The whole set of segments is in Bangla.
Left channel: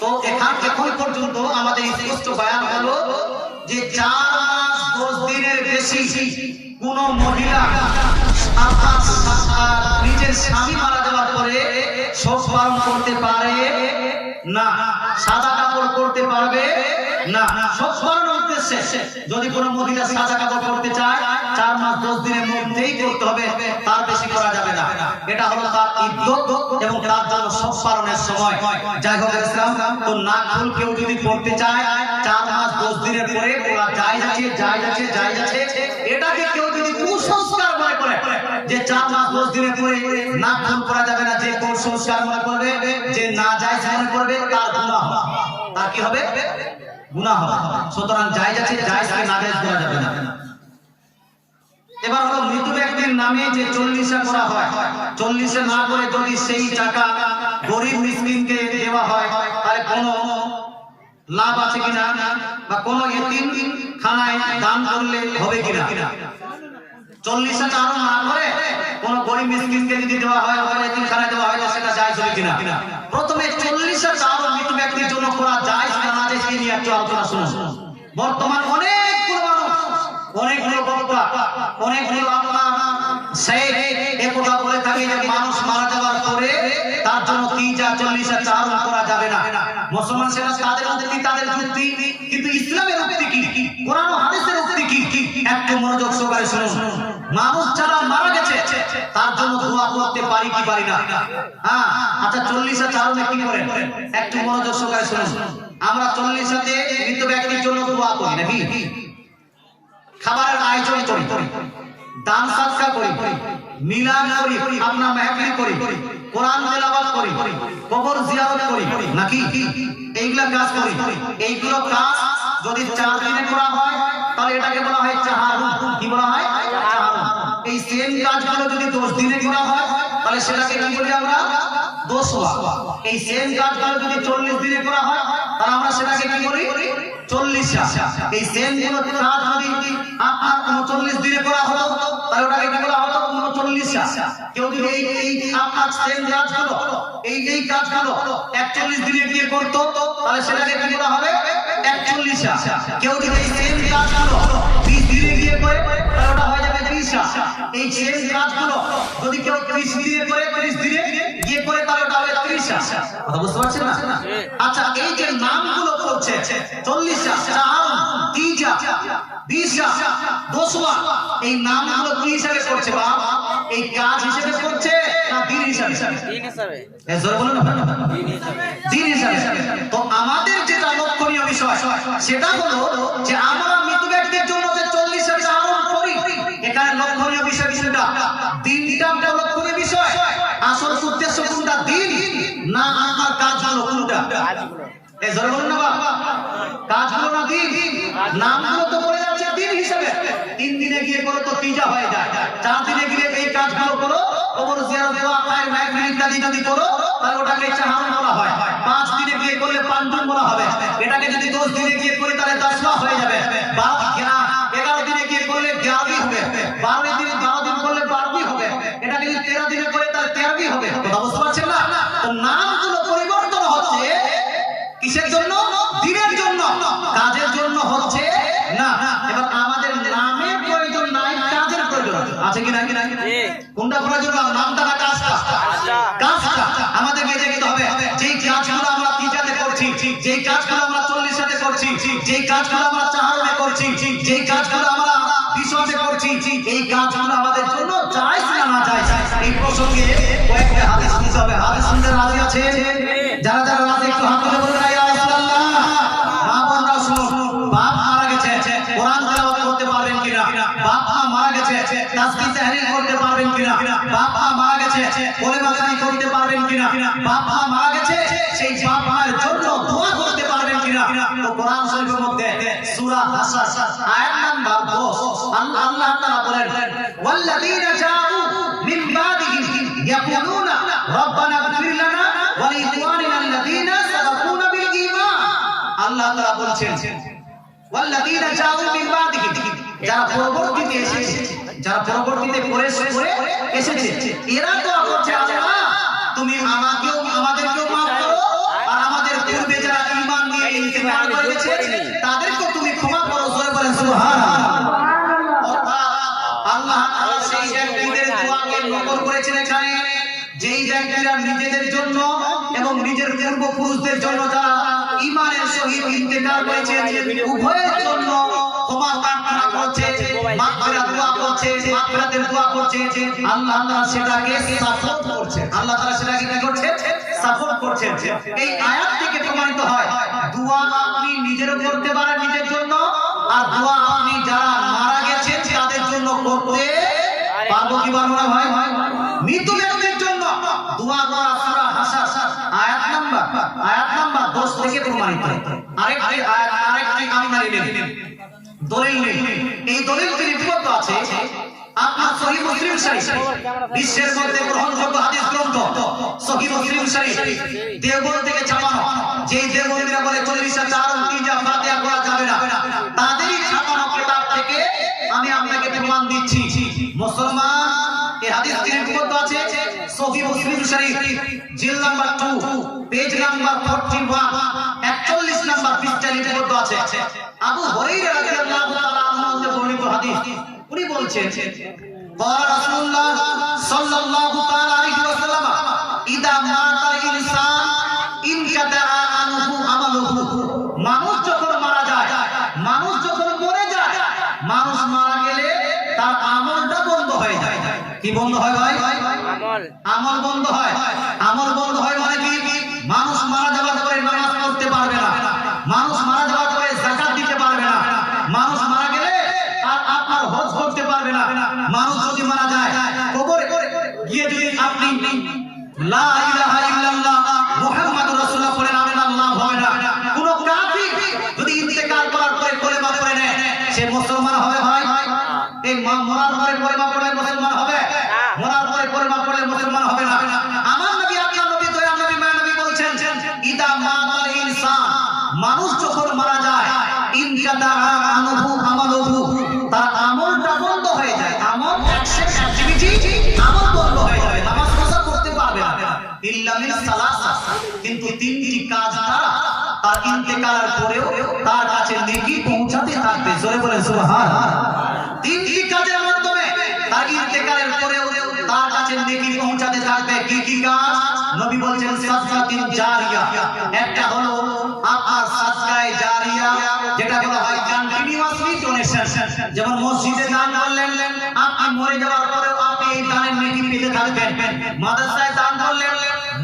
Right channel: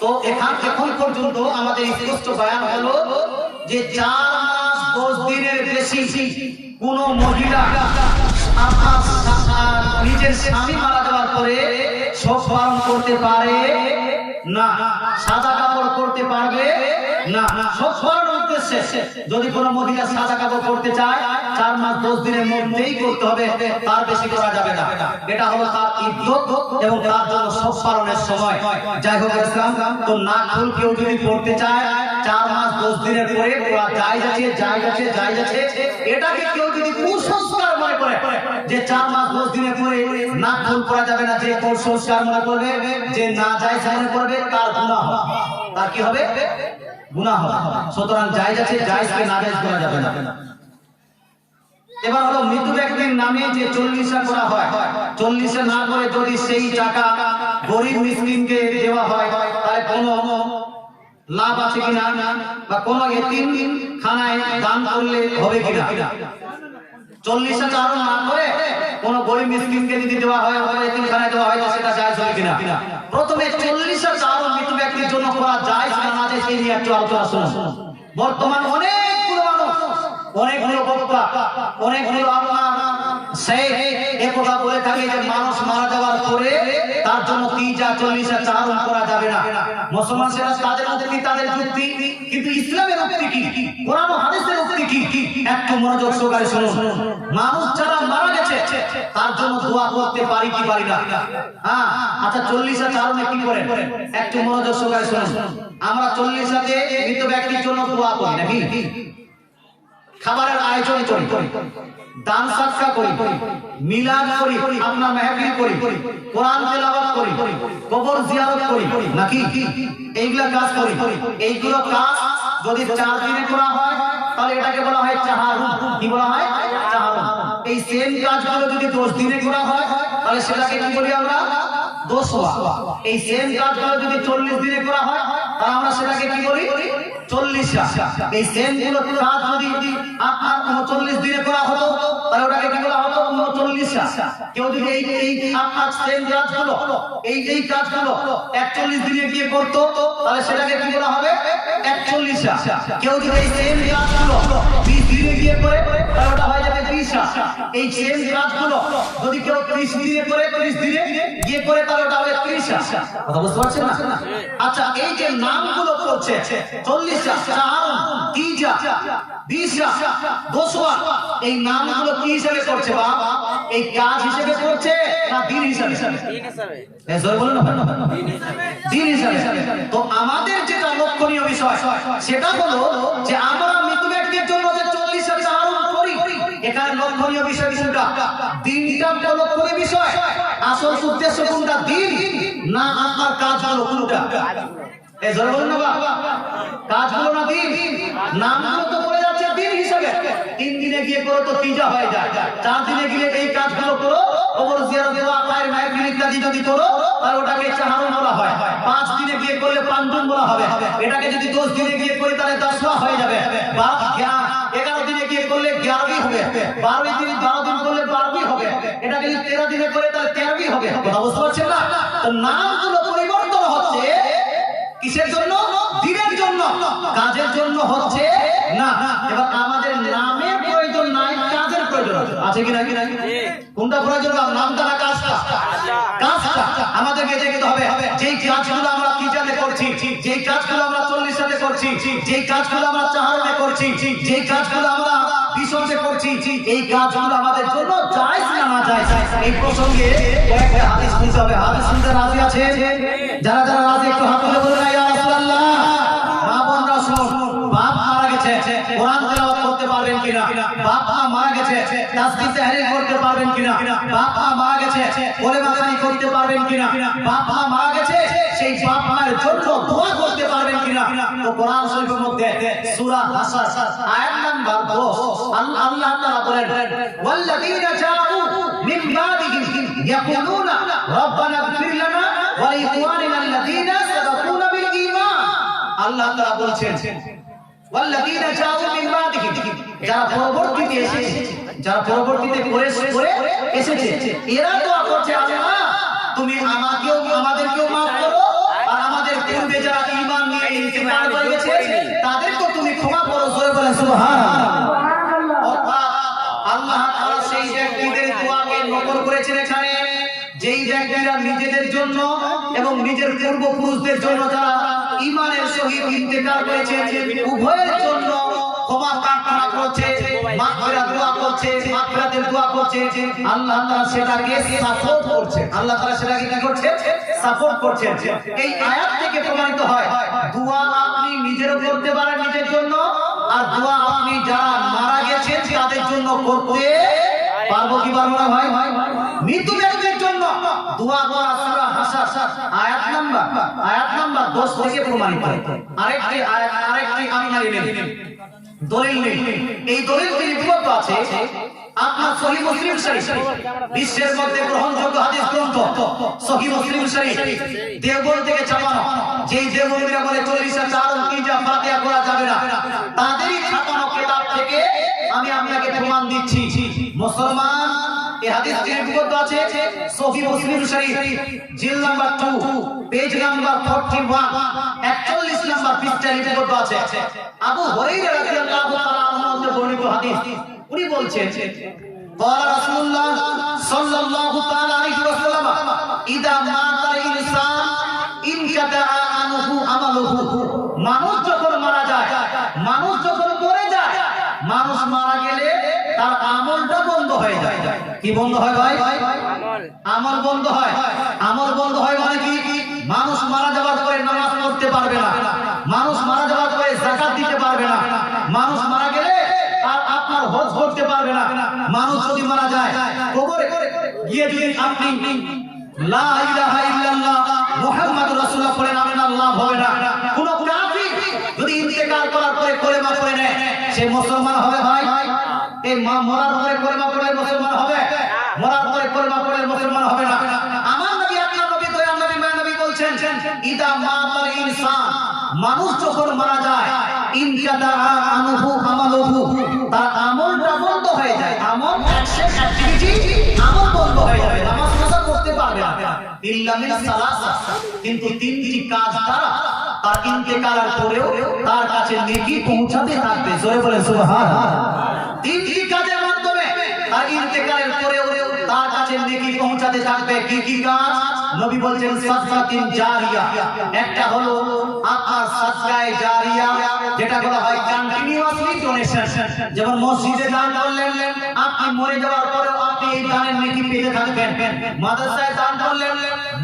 তো এখন পর্যন্ত আমাদের স্পষ্ট বয়ান হলো যে 4 মাস 10 দিনের বেশি কোন মহিলা নিজের স্বামী মারা যাওয়ার পরে শোক পালন করতে পারে না, সাদা কাপড় করতে পারবে না। শোক পালনের উদ্দেশ্যে যদি কোনো মহিলা সাদা কাপড় করতে চায় 4 মাস 10 দিনের মধ্যেই করতে হবে, তার বেশি করা যাবে না। এটা হলো তার ইদ্যত এবং তার জন্য শোক পালনের সময়। যাই হোক ইসলাম তো নাক ফুল কেউ যদি পড়তে চায় 4 মাস 10 দিনের পরে ওরা জায়েজ আছে। এটাকে কেউ যদি কুসংস্কার মনে করে যে 4 মাস 10 দিনের পরে নাক ফুল করা যাবে না, যে কুসংস্কার মনে করবে, যে না জায়েজ মনে করবে, তার গুনাহ হবে। তার কি হবে? গুনাহ হবে। সুতরাং জায়েজ আছে, জায়েজকে না জায়েজ করা যাবে না। এবার হলো মৃত ব্যক্তির নামে যে 40 করা হয়, 40 না করে যদি সেই টাকা গরিব মিসকিনকে দেওয়া হয় তাহলে কোনো লাভ আছে কিনা, বা কোনো এতিম খানায় দান করলে হবে কিনা? 40 চারণ না করে কোনো গরিব মিসকিনকে যদি দেওয়া হয় অথবা এতিম খানায় দেওয়া হয় সেটা জায়েজ হবে কিনা? প্রথমে 40 চারণ মৃত ব্যক্তির জন্য করা জায়েজ না না জায়েজ এই নিয়ে একটু আলোচনা শুনুন। বর্তমান অনেকগুলো মানুষ, অনেকগুলো বক্তা, অনেকগুলো আপনার সেই একথা বলে থাকে যে মানুষ মারা যাওয়ার পরে তার জন্য 40 চারণ করা যাবে না। মুসলমান সেটা তাদের উক্তি, তাদের যুক্তি, কিন্তু ইসলামের উক্তি কি, কোরআন ও হাদিসের উক্তি কি, একটু মনোযোগ সহকারে শুনুন। মানুষ যারা মারা গেছে তার জন্য দোয়া করতে পারি কি পারি না? হ্যাঁ, আচ্ছা 40 চারণে কি করেন একটু মনোযোগ সহকারে শুনুন। আমরা 40 মৃত ব্যক্তির জন্য দোয়া করি নাকি? খাবারের আয়োজন করি, দান সদকা করি, মিলাদ করি, আপনার মাহফিল করি, কোরআন তেলাওয়াত করি, কবর জিয়ারত করি নাকি? এইগুলা কাজ করি। এইগুলো কাজ যদি 4 দিনে করা হয় তাহলে এটাকে বলা হয় চাহারুন। কি বলা হয়? চাহারুন। এই সেম কাজগুলো যদি 10 দিনে করা হয় তাহলে সেটাকে কি বলি আমরা? দোসওয়া। এই সেম কাজগুলো যদি 40 দিনে করা হয় তাহলে আমরা সেটাকে কি বলি? 40। এই সেম গুলো কাজ যদি আপনার 39 দিনে করা হতো তাহলে ওটাকে কি বলা হতো? 39। কেউ যদি এই আপনার সেম কাজগুলো এই কাজগুলো 41 দিনে গিয়ে করতো তাহলে সেটাকে কি বলা হবে? 41। কেউ যদি এই সেম কাজগুলো 20 দিনে গিয়ে করে তাহলে ওটা হয়ে যাবে 20। এই সেম কাজগুলো যদি কেউ 30 দিনে করে, 30 দিনে গিয়ে করে তাহলে ওটা হবে 30। কথা বুঝতে পারছেন না? আচ্ছা, এই যে নামগুলো করছে 40, 4, 30, 20, দোসওয়া, এই নামগুলো কি হিসাবে করছে? বা এই কাজ হিসেবে করছে না দিন হিসাবে? দিন হিসাবে। জোরে বলুন না, দিন হিসাবে। তো আমাদের যেটা লক্ষণীয় বিষয় সেটা হলো যে আমরা মৃত ব্যক্তির জন্য যে 40 চারণ করি, এখানে লক্ষণীয় বিষয়টা দিনটা লক্ষণীয় বিষয়। আসল উদ্দেশ্য কোনটা? দিন না আপনার কাজগুলো কোনটা? এই জোরে বলুন না বাবা, কাজগুলো না দিন? নামগুলো তো পড়ে যাচ্ছে দিন হিসেবে। 3 দিনে গিয়ে করো তো 30 হয়ে যায়, 4 দিনে গিয়ে এই কাজগুলো করো, কবর জিয়ারত দেওয়া, খায়ের মাহফিল ইত্যাদি যদি করো তাহলে ওটাকে চাহারুন বলা হয়। 5 দিনে গিয়ে করলে পান্তুন বলা হবে। এটাকে যদি 10 দিনে গিয়ে করি তাহলে 10 হয়ে যাবে। 11 দিনে গিয়ে করলে 11 হবে। 12 দিন করলে 12 হবে। এটাকে যদি 13 দিনে করে তাহলে 13 হবে। কথা বুঝতে পারছেন না? তো নামগুলো পরিবর্তন হচ্ছে কিসের জন্য? দিনের জন্য, কাজের জন্য হচ্ছে না। এবার আমাদের নামের প্রয়োজন নাই, কাজের প্রয়োজন আছে কি না? কোনটা প্রয়োজন? নামটা না কাজটা? কাজটা আমাদেরকে দেখতে হবে। যেই কাজগুলো আমরা 30 করছি, যেই কাজগুলো আমরা 40 করছি, যেই কাজগুলো আমরা চাহারণে করছি, যেই কাজগুলো আমরা 20 করছি, এই কাজগুলো আমাদের জন্য জায়েজ না না জায়েজ? এই প্রসঙ্গে কয়েকটা হাদিস শুনতে হবে। হাদিস শুনতে রাজি আছে? যারা যারা রাজি একটু হাত তুলে বলুন ইয়া রাসূলুল্লাহ। মা বোনরা শুনুন, বাপ মারা গেছে, কোরআন তেলাওয়াত করতে পারবেন কিনা? বাপ মা মারা গেছে, তাসবিহ তাহলিল করতে পারবেন কিনা? বাপ মা মারা গেছে, কলেমা জারি করতে পারবেন কিনা? বাপ মা মারা গেছে, সেই বাপ মায়ের জন্য দোয়া করতে পারবেন কিনা? তো কোরআন শরীফের মধ্যে সূরা হাসর আয়াত নাম্বার 10 আল্লাহ তাআলা বলেন, ওয়াল্লাযীনা জাউ মিন বাদিহিম ইয়াকুলুনা রব্বানা ইগফির লানা ওয়া লিইখওয়ানিনা আল্লাযীনা সাবাকুনা বিল ঈমান। আল্লাহ তাআলা বলছেন ওয়াল্লাযীনা জাউ মিন বাদিহিম, যারা পরবর্তীতে এসেছে, যারা পরবর্তীতে করে এসেছে, এরা দোয়া করছে আল্লাহ তুমি আমাদেরকেও মাফ করো আর আমাদের পূর্বে যারা ঈমান নিয়ে ইন্তেকাল করে গেছে তাদেরকে তুমি ক্ষমা করো, জোরে বলেন সুবহানাল্লাহ। অর্থাৎ আল্লাহ তাআলা সেই ব্যক্তিদের দোয়াকে নকল করেছেন এখানে, যেই ব্যক্তিরা নিজেদের জন্য এবং নিজের পূর্বপুরুষদের জন্য যারা ঈমানের সহিত ইন্তেকাল করেছেন উভয়ের জন্য ক্ষমা প্রার্থনা করছে, মাগফিরাত দোয়া করছে, মাগফিরাতের দোয়া করছে, আল্লাহ তাআলা সেটাকে সাপোর্ট করছে। আল্লাহ তাআলা সেটাকে কি করছে? সাপোর্ট করছে। এই আয়াত থেকে প্রমাণিত হয় দোয়া আপনি নিজেরও করতে পারেন নিজের জন্য, আর দোয়া আপনি যারা মারা গেছেন তাদের জন্য করতে পারবো কি পারবো না ভাই? মৃত ব্যক্তির জন্য দোয়া করা সূরা হাসর আয়াত নাম্বার 10 থেকে প্রমাণিত। আরেকটি আয়াত, আরেকটি আপনার দলিল নেই। এই দলিলটি লিপিবদ্ধ আছে আপনার সহিহ মুসলিম শরীফ, বিশ্বের মধ্যে গ্রহণযোগ্য হাদিস গ্রন্থ সহিহ মুসলিম শরীফ, দেওবন্দ থেকে ছাপানো। যেই দেওবন্দীরা বলে 40,000 তিনটা ফাতিহা করা যাবে না, তাদেরই ছাপানো কিতাব থেকে আমি আপনাকে প্রমাণ দিচ্ছি। মুসলমান, এই হাদিসটি লিপিবদ্ধ আছে সহিহ মুসলিম শরীফ, জিল নাম্বার 2, পেজ নাম্বার 41, 41 নাম্বার পৃষ্ঠায় লিপিবদ্ধ আছে। আবু হুরায়রা রাদিয়াল্লাহু তাআলা আনহু বর্ণিত হাদিস, উনি বলছেন قال رسول الله صلى الله تعالى عليه وسلم اذا مات الانسان انقطع عنه عمله। মানুষ যখন মারা যায়, মানুষ যখন মরে যায়, মানুষ মারা গেলে তার আমলটা বন্ধ হয়ে যায়। কি বন্ধ হয় ভাই? আমল বন্ধ হয়। আমল বন্ধ হয় মানে কি? মানুষ মারা যাওয়ার পরে নামাজ পড়তে পারবে না, মানুষ মারা যাওয়ার পরে যাকাত দিতে পারবে না, মানুষ মারা গেলে আর আপনার হজ করতে পারবে না। মানুষ যদি মারা যায় কবরে গিয়ে যদি আপনি লা ইলাহা ইল্লাল্লাহ মুহাম্মাদুর রাসূলুল্লাহ পড়েন, আপনার লাভ হবে না। কোন কাফির যদি ইন্তেকাল করার পরে কলেমা পড়ে নেয়, সে মুসলমান হবে ভাই? এই মরার পরে কলেমা পড়লে মুসলমান হবে? মরার পরে কলেমা পড়লে মুসলমান হবে না। আমার নবী, আপনার নবী, দয়ার নবী, মায়ের নবী বলছেন ইদা মাতাল ইনসান, মানুষ যখন মারা যায়, ইনকাদা আনহু আমালুহু, তার আমলটা বন্ধ হয়ে যায়। আমল, অ্যাকশন, অ্যাক্টিভিটি আমল বন্ধ হয়ে যায়, নামাজ রোজা করতে পারবে না। ইল্লা মিন সালাসা, কিন্তু তিনটি কাজ দ্বারা তার ইন্তেকালের পরেও তার কাছে নেকি পৌঁছাতে থাকবে। জোরে বলেন সুবহানাল্লাহ। তিনটি কাজের মাধ্যমে তার ইন্তেকালের পরেও তার কাছে নেকি পৌঁছাতে থাকবে। কি কি কাজ? নবী বলছেন সাদকাতুন জারিয়া। একটা হলো আপনার সাদকায়ে জারিয়া, যেটা বলা হয় কন্টিনিউয়াসলি ডোনেশন। যেমন মসজিদে দান করলেন, আপনি মরে যাওয়ার পরেও আপনি এই দানের নেকি পেতে থাকবেন। মাদ্রাসায় দান করলেন,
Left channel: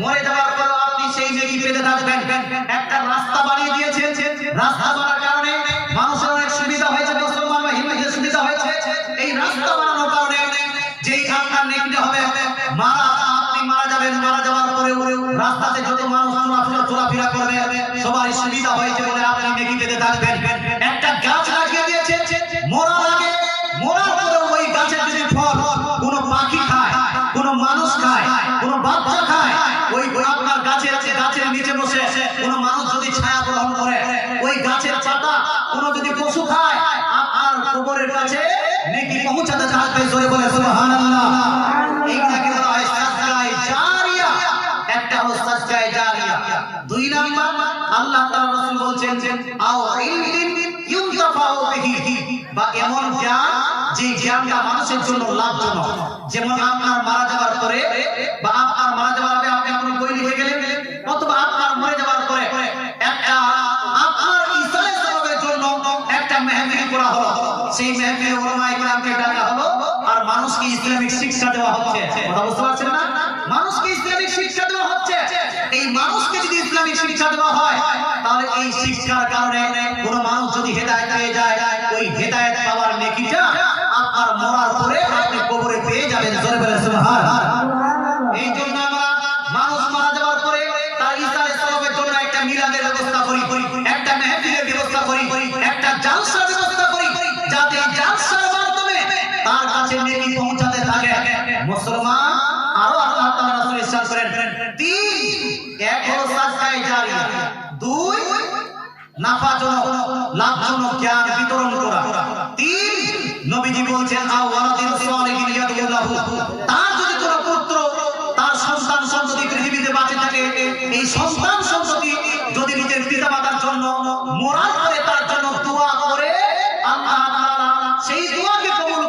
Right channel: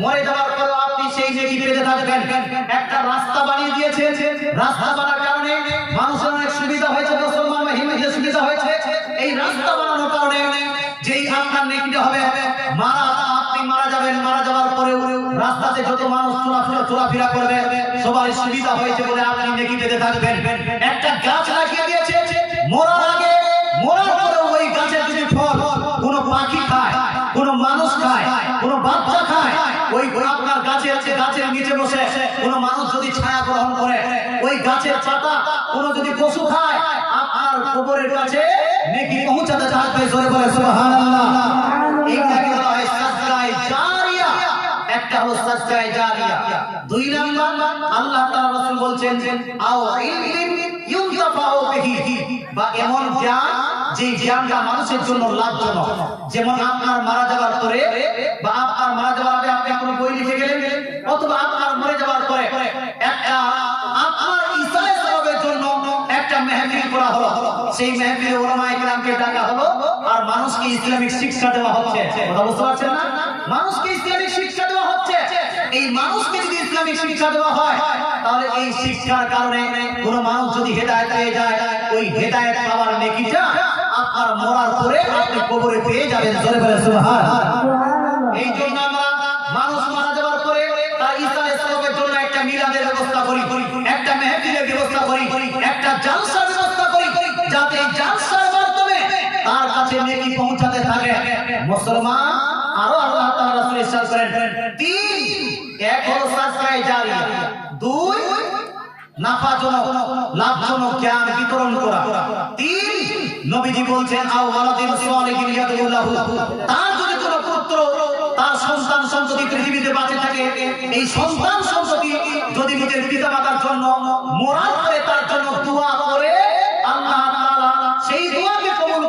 মরে যাওয়ার পরেও আপনি সেই নেকি পেতে থাকবেন। একটা রাস্তা বানিয়ে দিয়েছে, রাস্তা বানানোর কারণে মানুষের অনেক সুবিধা হয়েছে, মুসলমান বা হিন্দুদের সুবিধা হয়েছে। এই রাস্তা বানানোর কারণে যেই আপনার নেকিটা হবে, আপনি মারা যাবেন, মারা যাওয়ার পরেও রাস্তাতে যত মানুষ চলাফেরা করবে সবার সুবিধা হয়েছে বলে আপনি নেকি পেতে থাকবেন। একটা গাছ লাগিয়ে দিয়েছে, মরার আগে, মরার পরে ওই গাছের যদি ফল কোনো পাখি খায়, কোনো মানুষ খায়, কোনো বাচ্চা খায়, ওই আপনার গাছের নিচে বসে কোনো মানুষ যদি ছায়া গ্রহণ করে, ওই গাছের পাতা কোনো যদি পশু খায়, আর কবরের কাছে নেকি পৌঁছাতে থাকবে। জোরে বলে সুবহানাল্লাহ। এইটাকে বলা হয় সাদকায়ে জারিয়া। একটা হলো সাদকায়ে জারিয়া। দুই নাম্বার, আল্লাহ তাআলা রাসূল বলছেন আও ইলমিন ইউনতাফাউ বিহি, বা এমন জ্ঞান যে জ্ঞানটা মানুষের জন্য লাভজনক। যেমন আপনার মারা যাওয়ার পরে বা আপনার মারা যাওয়ার আগে আপনি কোনো বই লিখে গেলেন, অথবা আপনার মরে যাওয়ার পরে একটা আপনার ইসালে সওয়াবের জন্য একটা মাহফিল করা হলো, সেই মাহফিলে উলামায়ে কিরামকে ডাকা হলো আর মানুষকে ইসলামিক শিক্ষা দেওয়া হচ্ছে। কথা বুঝতে পারছেন না? মানুষকে ইসলামিক শিক্ষা দেওয়া হচ্ছে। এই মানুষকে যদি ইসলামিক শিক্ষা দেওয়া হয়, তাহলে এই শিক্ষার কারণে কোনো মানুষ যদি হেদায়েত পেয়ে যায়, ওই হেদায়েত পাওয়ার নেকিটা আপনার মরার পরে আপনি কবরে পেয়ে যাবেন। জোরে বলেন সুবহানাল্লাহ। এই জন্য আমরা মানুষ মারা যাওয়ার পরে তার ইসালে সওয়াবের জন্য একটা মিলাদের ব্যবস্থা করি, একটা মাহফিলের ব্যবস্থা করি, একটা জালসার ব্যবস্থা করি, যাতে জালসার মাধ্যমে তার কাছে নেকি পৌঁছাতে থাকে। মুসলমান, আরো আল্লাহ তাআলা রাসূল ইরশাদ করেন, তিন, এক হলো সাদকায়ে জারিয়া, দুই নাফাজনক লাভজনক জ্ঞান বিতরণ করা, তিন নবীজি বলছেন আও ওয়ালাদিন সালিহিন ইয়াদউ লাহু, তার যদি কোনো পুত্র, তার সন্তান সন্ততি পৃথিবীতে বাঁচে থাকে, এই সন্তান সন্ততি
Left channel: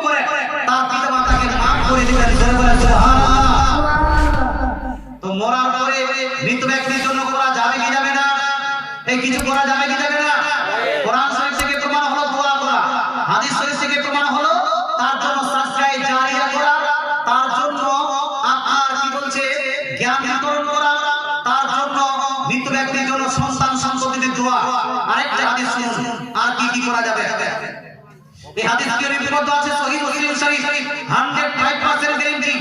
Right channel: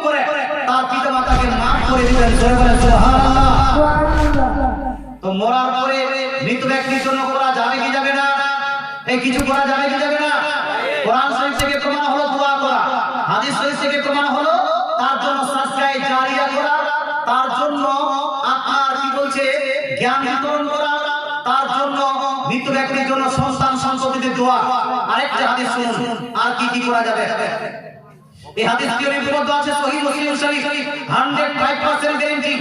করে তার পিতামাতাকে মাফ করে দিলেন। জোরে বলেন সুবহানাল্লাহ। তো মরার পরে মৃত ব্যক্তির জন্য করা যাবে কি যাবে না? এই কিছু করা যাবে কি যাবে না? কোরআন শরীফ থেকে প্রমাণ হলো দোয়া করা, হাদিস শরীফ থেকে প্রমাণ হলো তার জন্য সাদকায়ে জারিয়া করা, তার জন্য আপনার কি বলছে জ্ঞান বিতরণ করা, তার জন্য মৃত ব্যক্তির জন্য সন্তান সন্ততিদের দোয়া। আরেকটা হাদিস শুনুন, আর কি কি করা যাবে। এই হাদিস কি লিপিবদ্ধ আছে সহিহ মুসলিম শরীফ 105% গ্যারান্টি,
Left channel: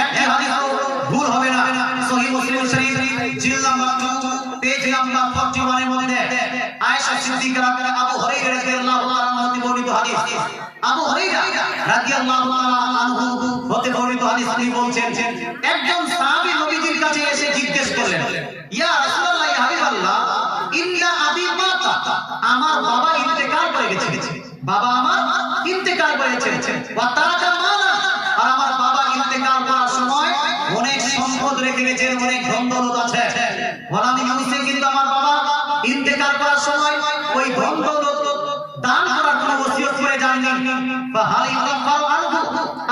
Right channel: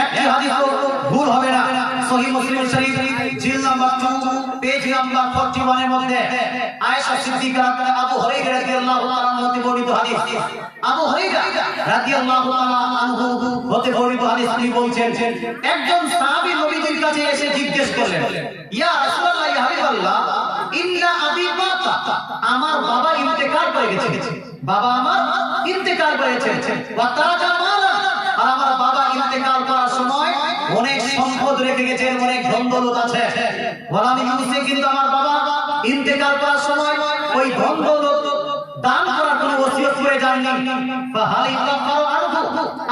একটি হাদিস ভুল হবে না। সহিহ Muslim Sharif জিলদ number 2 page number 41 এর মধ্যে আয়েশা সিদ্দিকা আবু হুরায়রা রাদিয়াল্লাহু তাআলা হতে বর্ণিত হাদিস। আবু হুরায়রা রাদিয়াল্লাহু তাআলা আনহু হতে বর্ণিত হাদিস তিনি বলছেন, একজন সাহাবী নবীজির কাছে এসে জিজ্ঞেস করলেন, ইয়া রাসূলুল্লাহ ইয়া হাবিবাল্লাহ, ইন্না আবি মাতা, আমার বাবা ইন্তেকাল করে গেছে, বাবা আমার ইন্তেকাল করেছে, ওয়া তারাকা মালা, আর আমার বাবা ইন্তেকাল করার সময় অনেক সম্পদ রেখে গেছেন, অনেক ধন দৌলত আছে। ওয়ালাম ইউসি, কিন্তু আমার বাবা ইন্তেকাল করার সময় ওই ধন দৌলত দান করার কোনো ওসিয়ত করে যাননি। ফাহাল ইউকাফারু আনহু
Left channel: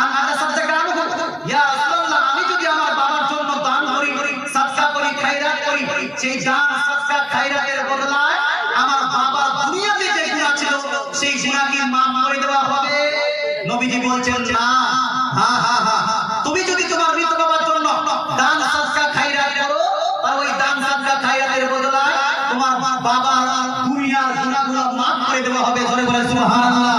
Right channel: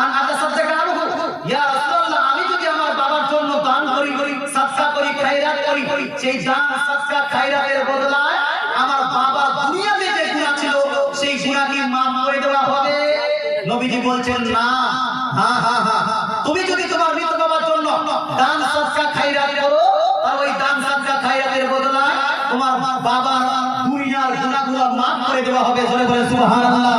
আন আতাসাদদাকা আনহু, ইয়া রাসূলুল্লাহ, আমি যদি আমার বাবার জন্য দান করি, সাদকা করি, খায়রাত করি, সেই দান সাদকা খায়রাতের বদলায় আমার বাবার দুনিয়াতে যে গুনাহ ছিল সেই গুনাহ কি মাফ করে দেওয়া হবে? নবীজি বলছেন না। হ্যাঁ হ্যাঁ হ্যাঁ, তুমি যদি তোমার মৃত বাবার জন্য দান সাদকা খায়রাত করো, আর ওই দান সাদকা খায়রাতের বদলায় তোমার বাবা দুনিয়ার গুনাহগুলো মাফ করে দেওয়া হবে। জোরে বলে সুবহানাল্লাহ।